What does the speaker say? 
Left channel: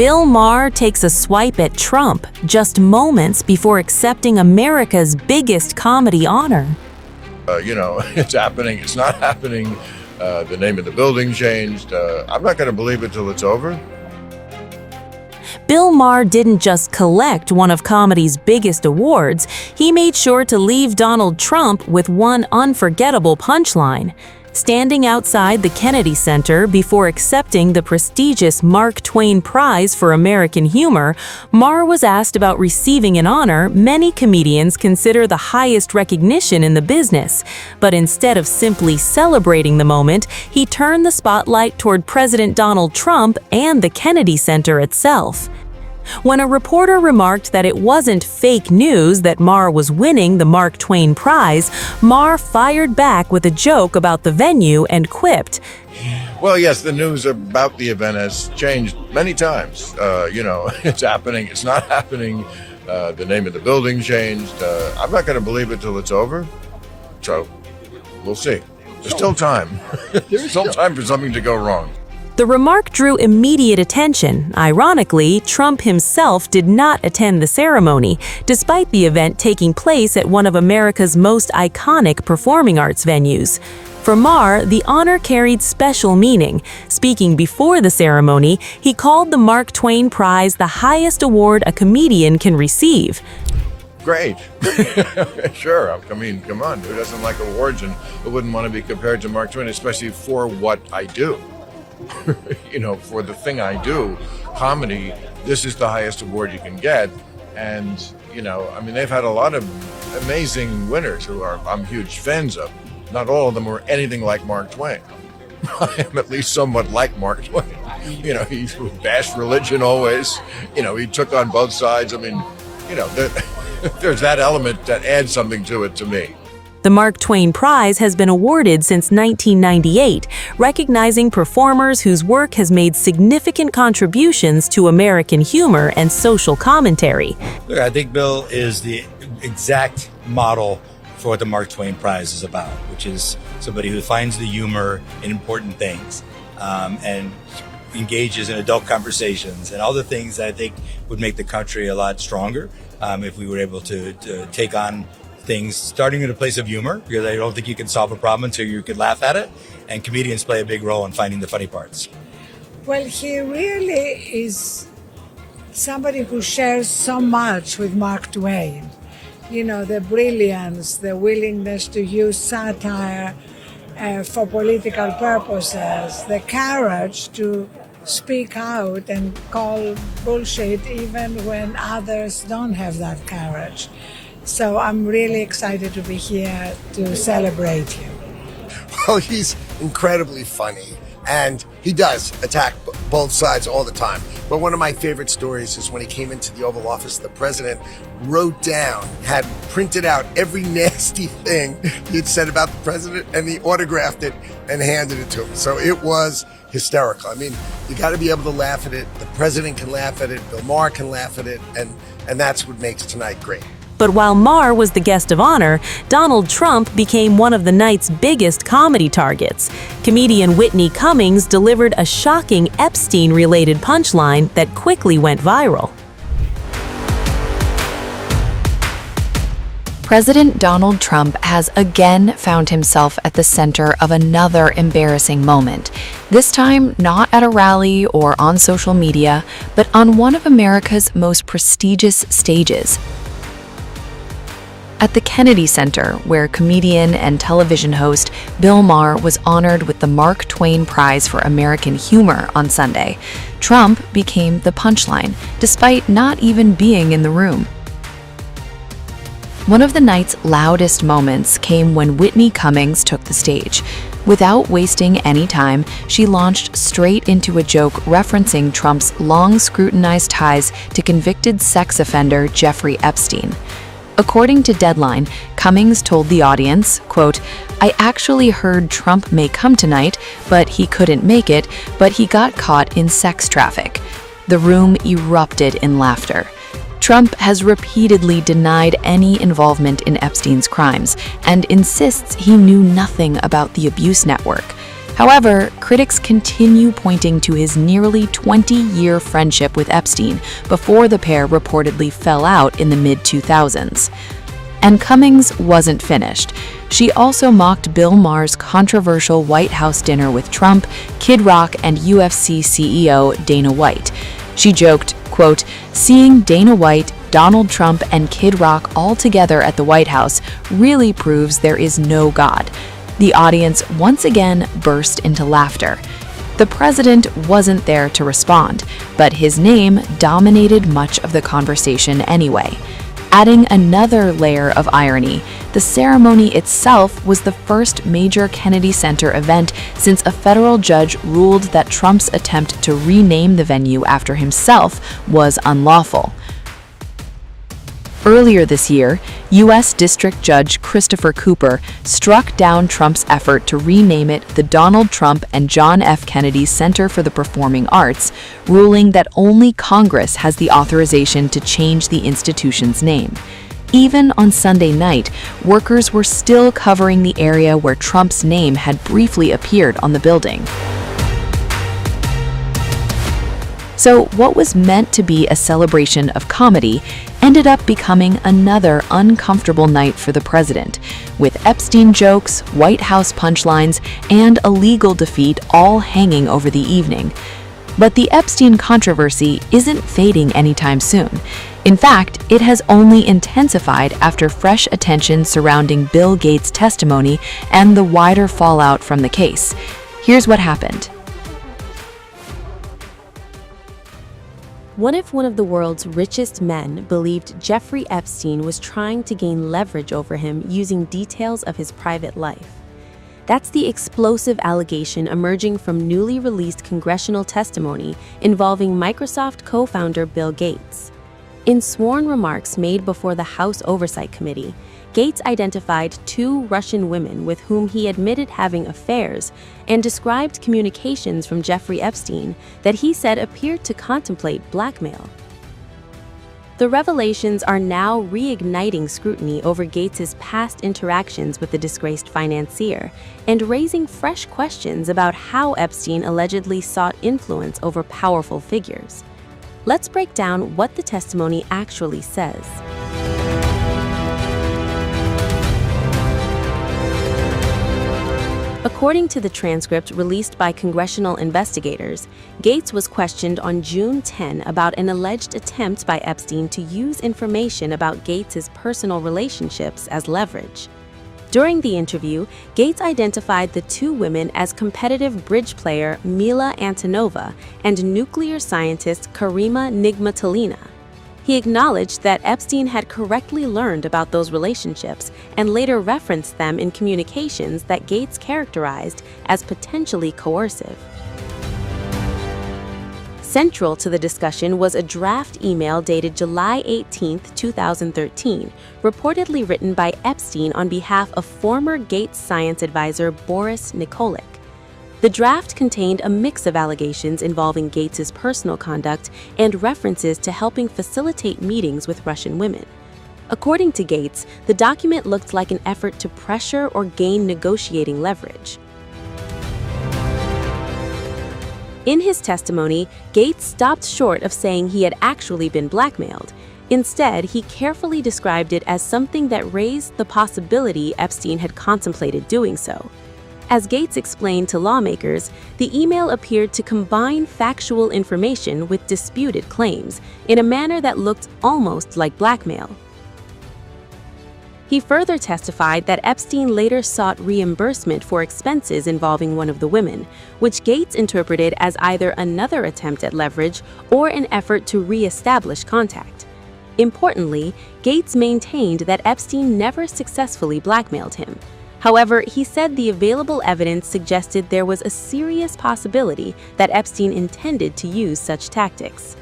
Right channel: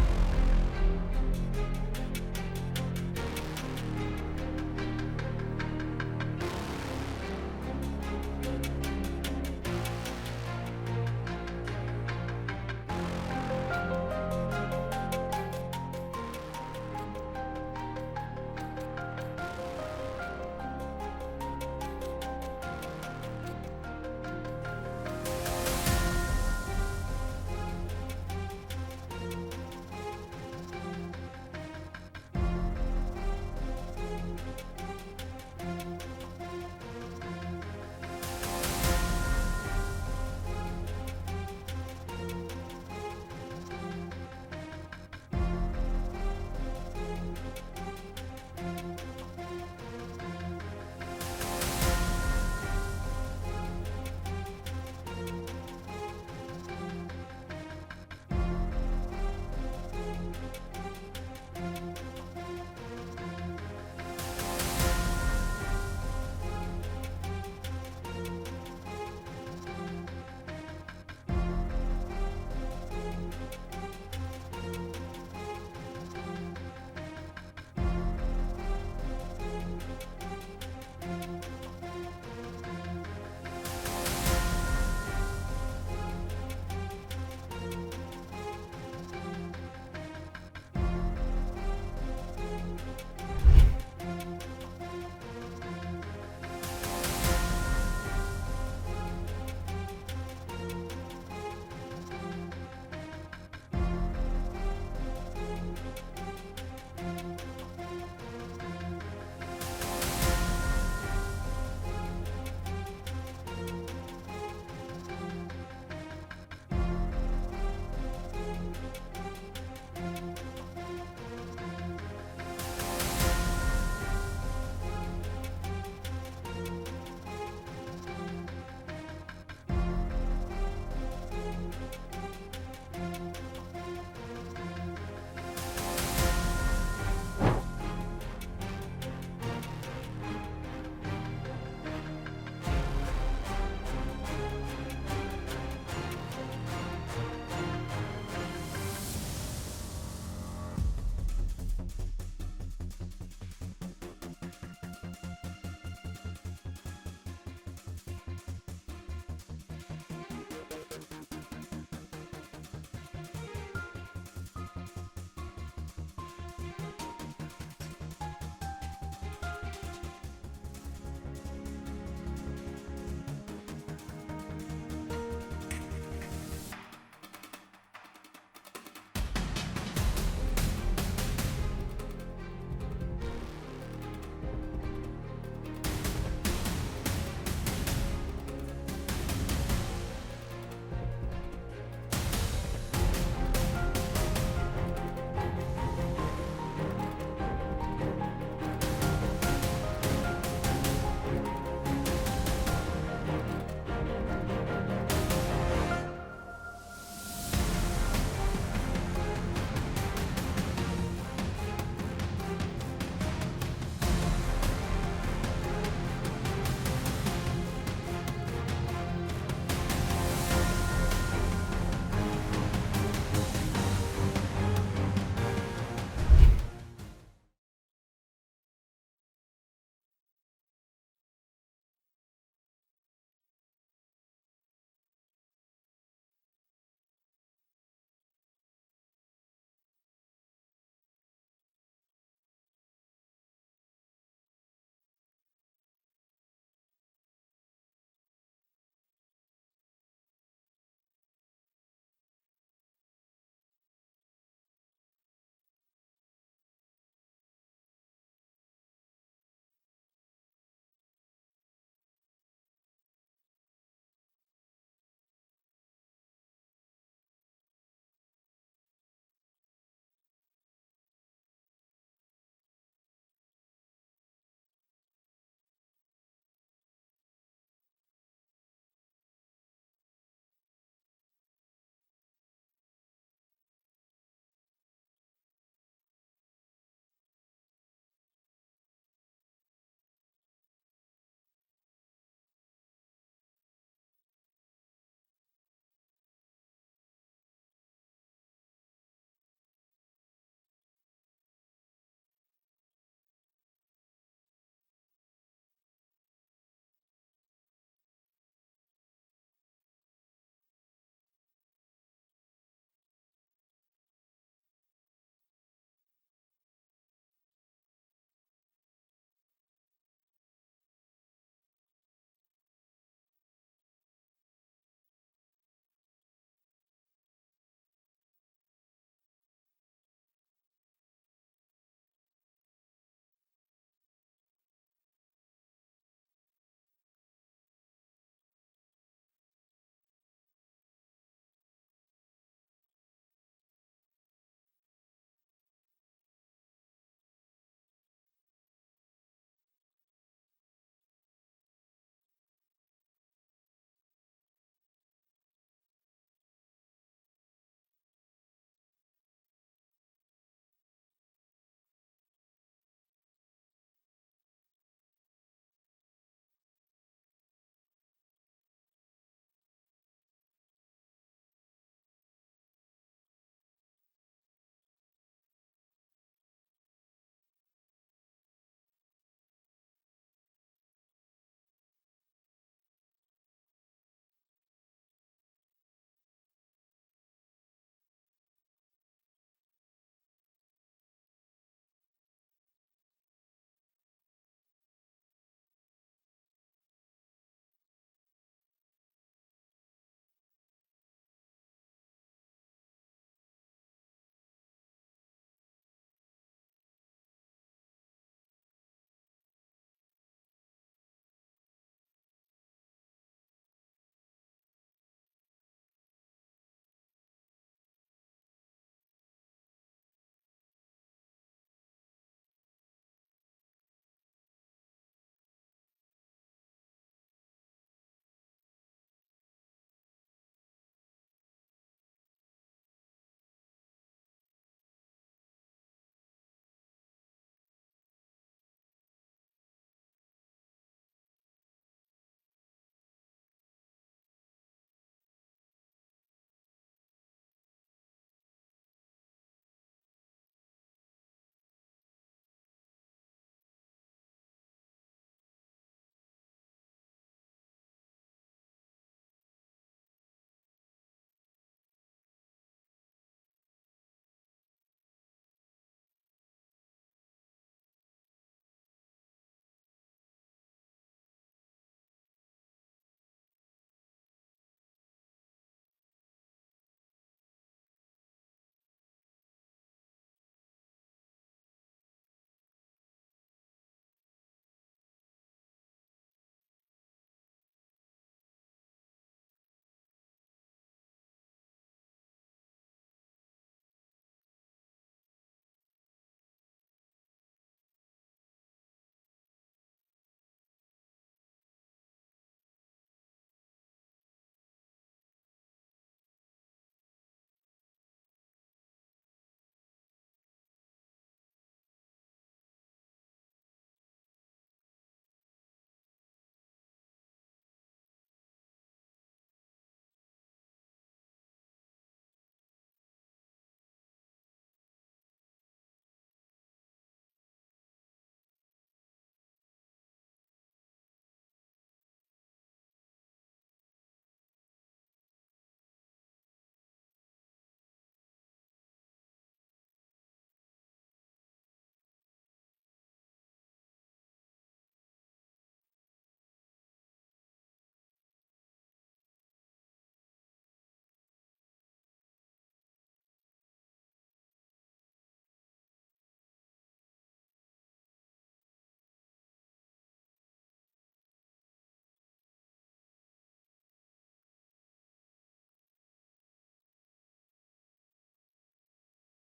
Bill Maher takes a swipe at Trump just moments before accepting America's biggest comedy honor. It's happening, it's not happening, the name of the building changed. I'm not going to believe it till it's over. Bill Maher didn't just collect one of comedy's biggest awards, he made sure to leave Donald Trump with one unforgettable punchline. Standing outside the Kennedy Center before accepting the prestigious Mark Twain Prize for American humor, Maher was asked about receiving an honor many comedians consider the highest recognition in the business. But instead of simply celebrating the moment, he turned the spotlight toward President Donald Trump and the Kennedy Center itself. When a reporter remarked that it wasn't fake news that Maher was winning the Mark Twain Prize, Maher fired back with a joke about the venue and quipped, Well, yes, the news about the event has changed many times. It's happening, it's not happening, the name of the building changed. I'm not going to believe it till it's over. So, we'll see. There's still time. There's still time for something to go wrong. The remark drew immediate attention. Ironically, Trump himself did not attend the ceremony, despite the event taking place at one of America's most iconic performing arts venues. For Maher, the honor carried special meaning. Speaking before the ceremony, he called the Mark Twain Prize the highest award a comedian can receive. Great. Sure. I mean, come on. Who doesn't like awards and who wouldn't want to be compared to Mark Twain, especially for what I do? For the thing I do, comedy, this is the highest award you can get. And, they've had a lot of amazing winners who I'm huge fans of. Not all of them were anything like Mark Twain. I am at least somewhat like Mark Twain. He bashed religion always. He took on both sides. There's that element that adds something to it to me. The Mark Twain Prize has been awarded since 1998, recognizing performers whose work has made significant contributions to American humor and social commentary. Look, I think Bill is the exact model for what the Mark Twain Prize is about, which is somebody who finds the humor in important things and engages in adult conversations and all the things that I think would make the country a lot stronger if we were able to take on things starting in a place of humor, because I don't think you can solve a problem until you can laugh at it, and comedians play a big role in finding the funny parts. Well, he really is somebody who shares so much with Mark Twain. The brilliance, the willingness to use satire for political purposes, the courage to speak out and call bullshit even when others don't have that courage. So I'm really excited to be here to celebrate you. Well, he's incredibly funny, and he does attack both sides all the time. But one of my favorite stories is when he came into the Oval Office, the president had printed out every nasty thing he'd said about the president, and he autographed it and handed it to him. So it was hysterical. You got to be able to laugh at it. The president can laugh at it. Bill Maher can laugh at it, and that's what makes tonight great. But while Maher was the guest of honor, Donald Trump became one of the night's biggest comedy targets. Comedian Whitney Cummings delivered a shocking Epstein-related punchline that quickly went viral. President Donald Trump has again found himself at the center of another embarrassing moment. This time, not at a rally or on social media, but on one of America's most prestigious stages. At the Kennedy Center, where comedian and television host Bill Maher was honored with the Mark Twain Prize for American Humor on Sunday, Trump became the punchline, despite not even being in the room. One of the night's loudest moments came when Whitney Cummings took the stage. Without wasting any time, she launched straight into a joke referencing Trump's long-scrutinized ties to convicted sex offender Jeffrey Epstein. According to Deadline, Cummings told the audience, quote, "I actually heard Trump may come tonight, but he couldn't make it, but he got caught in sex traffic." The room erupted in laughter. Trump has repeatedly denied any involvement in Epstein's crimes and insists he knew nothing about the abuse network. However, critics continue pointing to his nearly 20-year friendship with Epstein before the pair reportedly fell out in the mid-2000s. And Cummings wasn't finished. She also mocked Bill Maher's controversial White House dinner with Trump, Kid Rock, and UFC CEO Dana White. She joked, quote, "Seeing Dana White, Donald Trump, and Kid Rock all together at the White House really proves there is no God." The audience once again burst into laughter. The president wasn't there to respond, but his name dominated much of the conversation anyway. Adding another layer of irony, the ceremony itself was the first major Kennedy Center event since a federal judge ruled that Trump's attempt to rename the venue after himself was unlawful. Earlier this year, U.S. District Judge Christopher Cooper struck down Trump's effort to rename it the Donald Trump and John F. Kennedy Center for the Performing Arts, ruling that only Congress has the authorization to change the institution's name. Even on Sunday night, workers were still covering the area where Trump's name had briefly appeared on the building. So what was meant to be a celebration of comedy ended up becoming another uncomfortable night for the president, with Epstein jokes, White House punchlines, and a legal defeat all hanging over the evening. But the Epstein controversy isn't fading anytime soon. In fact, it has only intensified after fresh attention surrounding Bill Gates' testimony and the wider fallout from the case. Here's what happened. What if one of the world's richest men believed Jeffrey Epstein was trying to gain leverage over him using details of his private life? That's the explosive allegation emerging from newly released congressional testimony involving Microsoft co-founder Bill Gates. In sworn remarks made before the House Oversight Committee, Gates identified 2 Russian women with whom he admitted having affairs and described communications from Jeffrey Epstein that he said appeared to contemplate blackmail. The revelations are now reigniting scrutiny over Gates's past interactions with the disgraced financier and raising fresh questions about how Epstein allegedly sought influence over powerful figures. Let's break down what the testimony actually says. According to the transcript released by congressional investigators, Gates was questioned on June 10 about an alleged attempt by Epstein to use information about Gates's personal relationships as leverage. During the interview, Gates identified the 2 women as competitive bridge player Mila Antonova and nuclear scientist Karima Nigmatalina. He acknowledged that Epstein had correctly learned about those relationships and later referenced them in communications that Gates characterized as potentially coercive. Central to the discussion was a draft email dated July 18, 2013, reportedly written by Epstein on behalf of former Gates science advisor Boris Nikolic. The draft contained a mix of allegations involving Gates's personal conduct and references to helping facilitate meetings with Russian women. According to Gates, the document looked like an effort to pressure or gain negotiating leverage. In his testimony, Gates stopped short of saying he had actually been blackmailed. Instead, he carefully described it as something that raised the possibility Epstein had contemplated doing so. As Gates explained to lawmakers, the email appeared to combine factual information with disputed claims in a manner that looked almost like blackmail. He further testified that Epstein later sought reimbursement for expenses involving one of the women, which Gates interpreted as either another attempt at leverage or an effort to re-establish contact. Importantly, Gates maintained that Epstein never successfully blackmailed him. However, he said the available evidence suggested there was a serious possibility that Epstein intended to use such tactics.